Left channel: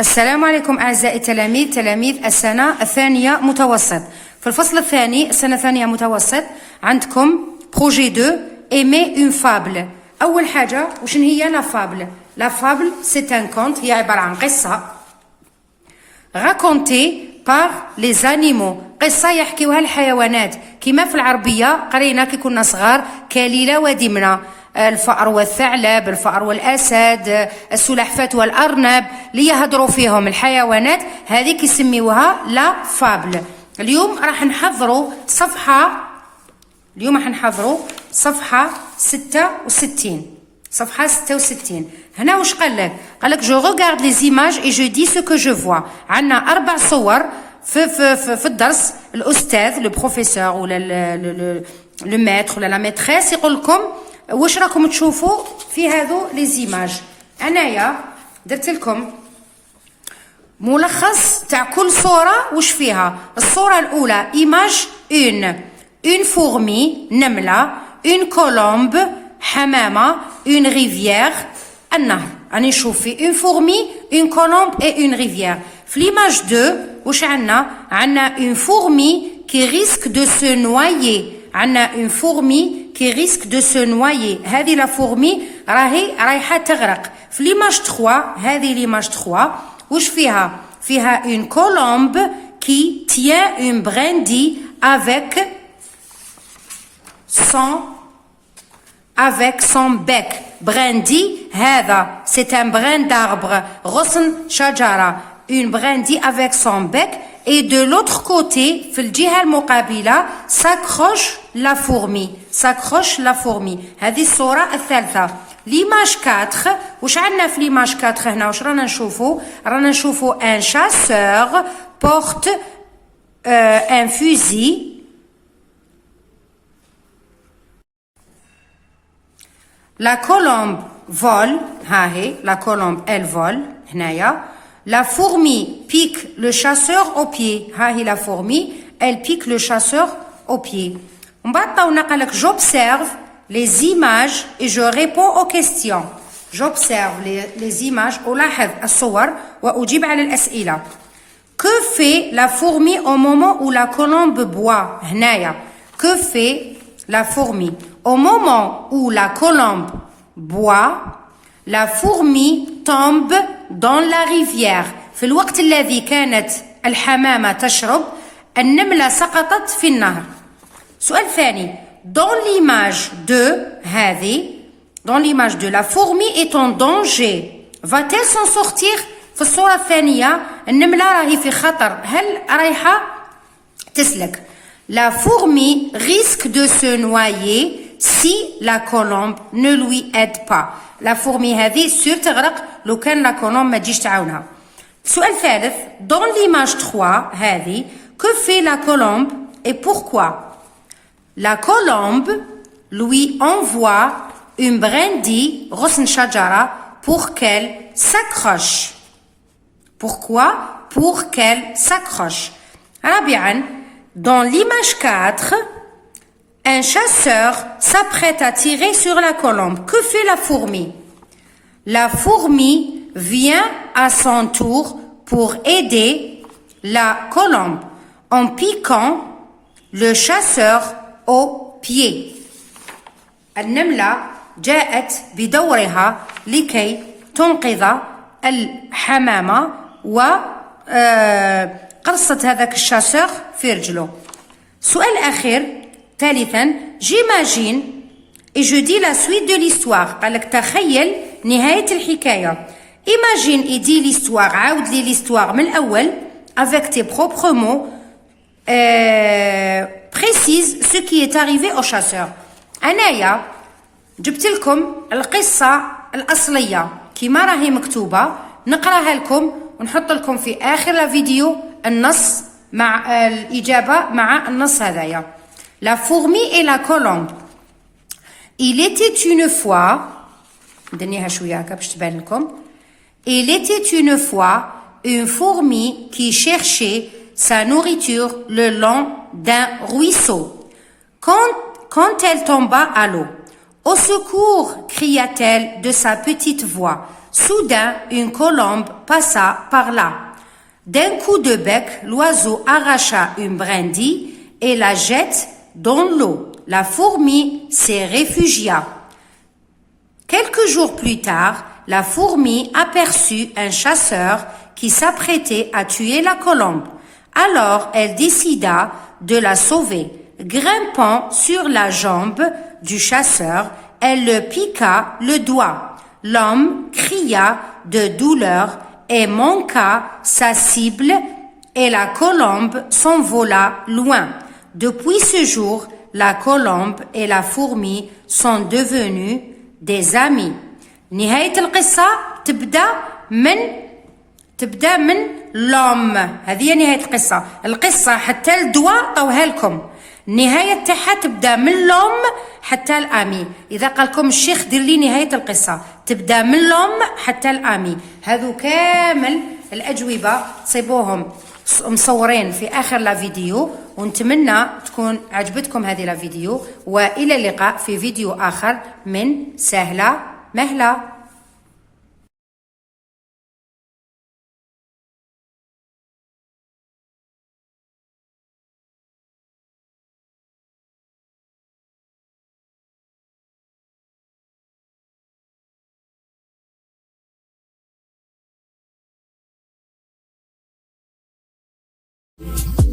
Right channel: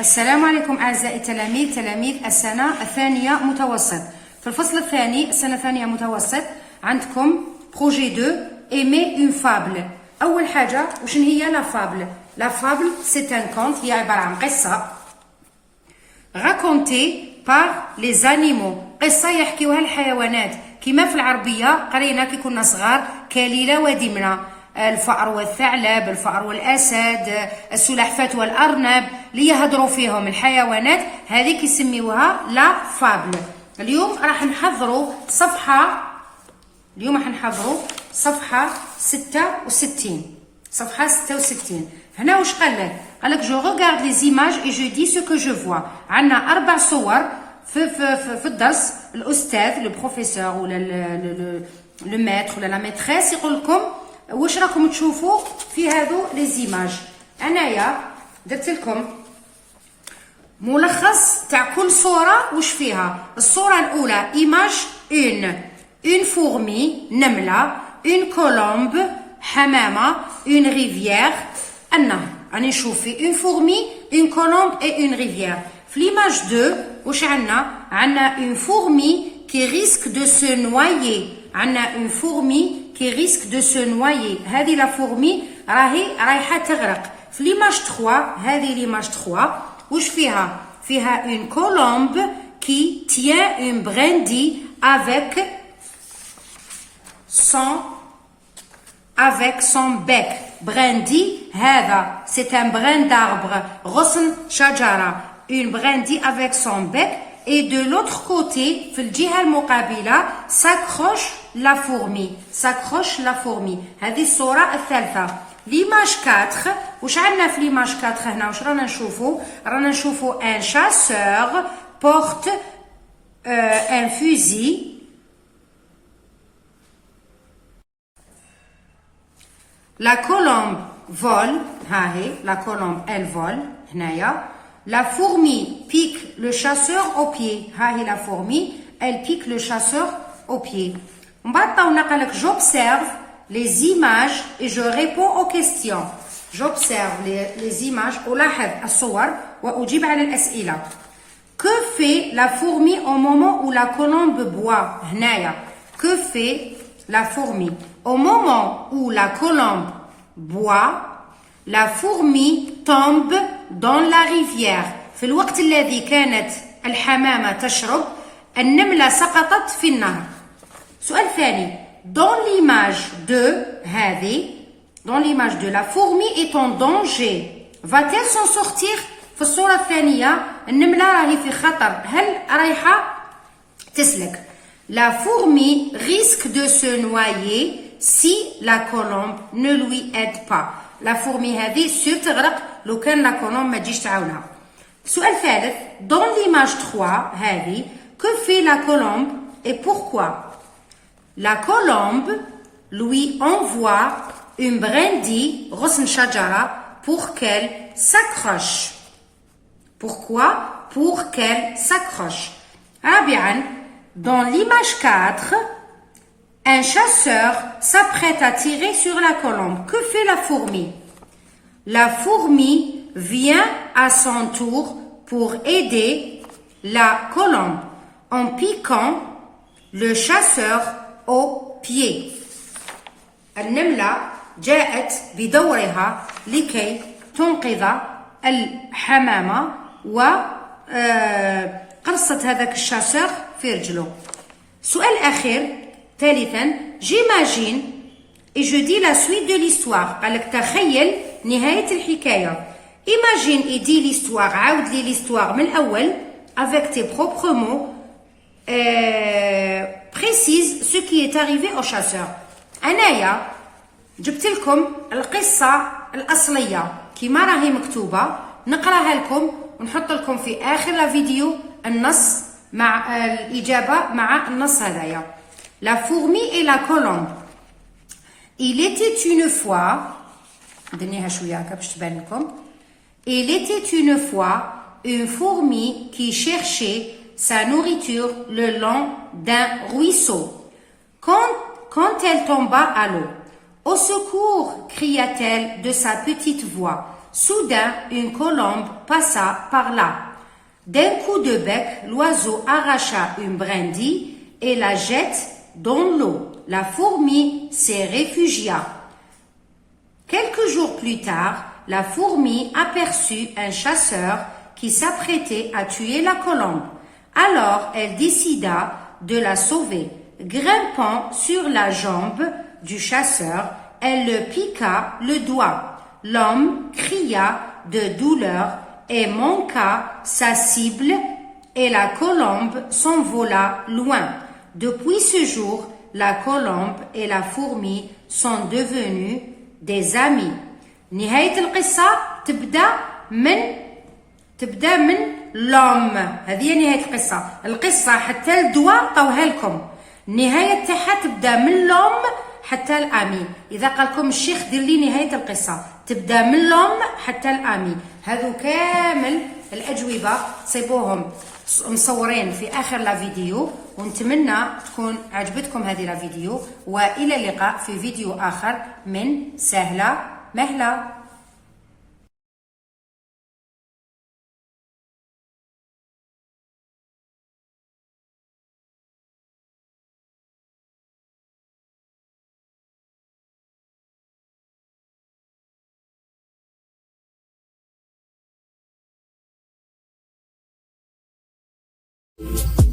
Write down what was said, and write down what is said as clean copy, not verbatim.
السلام عليكم أعزائي التلاميذ، تلاميذ السنة الثانية متوسط. في الفصل الثاني السنة الثانية متوسط عندكم بروجي 2 ايمي اون فابل. أول حاجة وشن هي لا فابل؟ لا فابل سيت ان كونت، هي عبارة عن قصة راكونتي بار لي زانيمو، قصة يحكيوها الحيوانات. كما في العربية قرينا كي كنا صغار كليلة ودمنة، الفأر والثعلب، الفأر والأسد، السلحفاة والأرنب اللي يهضروا فيهم الحيوانات، هذه كيسميوها لا فابل. اليوم راح نحضروا صفحة 66. صفحة 66. هنا واش قال لك؟ قال لك جو regarde les images et je dis ce que je vois. عندنا 4 صور في الدرس. الأستاذ لو بروفيسور ولا لو ماتر ولا لا ميتريس يقول لكم واش راكم تشوفوا في هذو لي زيماج. انايا درت لكم ملخص تاع كل صوره واش فيها. الصوره الاولى ايماج اون فورمي نمله، اون كولومب حمامه، اون ريفيير النهر. راني نشوف في اون فورمي اون كولومب اي اون ريفيير. في ليماج 2 واش عندنا اون فورمي كي ريسك دو سو نوايي. عندنا اون فورمي كي ريسك دو سو نوايي، هذه لا فورمي رايحه تغرق. في ليماج 3 هذه ليماج 3 واش فيها؟ فيها اون كولومب كي تيان اون براندي افيك son bec. براندي هذا c'est un brin d'arbre، غصن شجرة. une brindille avec son bec. Et de l'autre côté في الجهة المقابلة s'accroche la fourmi. هذه الصورة الثالثة. ليماج 4 واش عندنا في ليماج 4 هنا؟ واش رانا نشوفوا؟ رانا نشوفوا ان شاسور porte un fusil. La colombe vole، ها هي la colombe elle vole هنايا. La fourmi pique le chasseur au pied. ها هي la fourmi elle pique le chasseur au pied. ومن بعد طاونا قالك j'observe les images et je réponds aux questions. j'observe les images، ألاحظ الصور وأجيب على الأسئلة. que fait la fourmi au moment où la colombe boit؟ هنايا que fait la fourmi au moment où la colombe boit؟ la fourmi tombe dans la rivière. في الوقت الذي كانت الحمامة تشرب النملة سقطت في النهر. سؤال ثاني. dans l'image 2 هذه dans l'image 2 la fourmi est en danger. va-t-elle s'en sortir؟ في الصورة الثانية النملة راهي في خطر، هل رايحة تسلك؟ la fourmi risque de se noyer si la colombe ne lui aide pas. لا فورمي هذه سور تغرق لو كان لا كولومب ما تجيش تعاونها. سؤال ثالث. dans l'image 3 هذه que fait la colombe et pourquoi؟ la colombe lui envoie une brindille غصن شجرة pour qu'elle s'accroche. pourquoi؟ pour qu'elle s'accroche. رابعا. dans l'image 4 un chasseur s'apprête à tirer sur la colombe. Que fait la fourmi? La fourmi vient à son tour pour aider la colombe en piquant le chasseur au pied. النملة جاءت بدورها لكي تنقذ الحمامة وقرصت هذاك الشاسور في رجله. سؤال أخير. ثالثا. j'imagine et je dis la suite de l'histoire. قالك تخيل نهاية الحكاية. imagine et dis l'histoire، عاود لي l'histoire من الأول avec tes propres mots. précise ce qui est arrivé au chasseur. أنايا جبت لكم القصة الأصلية كما راهي مكتوبة، نقراها لكم ونحط لكم في آخر الفيديو النص مع الإجابة مع النص هذايا. La fourmi et la colombe. Il était une fois. دنيها شوية هكا باش تبان لكم. Il était une fois une fourmi qui cherchait sa nourriture le long d'un ruisseau. Quand elle tomba à l'eau. Au secours, cria-t-elle de sa petite voix. Soudain, une colombe passa par là. D'un coup de bec, l'oiseau arracha une brindille et la jette dans l'eau. La fourmi s'y réfugia. Quelques jours plus tard, la fourmi aperçut un chasseur qui s'apprêtait à tuer la colombe. Alors, elle décida de la sauver. Grimpant sur la jambe du chasseur, elle le piqua le doigt. L'homme cria de douleur et manqua sa cible et la colombe s'envola loin. Depuis ce jour, la colombe et la fourmi sont devenues des amis. نهاية القصة تبدأ من l'homme. هذه هي نهاية القصة حتى الدواء طوها لكم. النهاية تاعها تبدأ من l'homme حتى الأمي. إذا قالكم الشيخ دير لي نهاية القصة تبدأ من l'homme حتى الأمي. هذو كامل الأجوبة تصيبوهم مصورين في آخر لا فيديو، ونتمنى تكون عجبتكم هذه لا فيديو، وإلى اللقاء في فيديو آخر من سهلة مهلة. you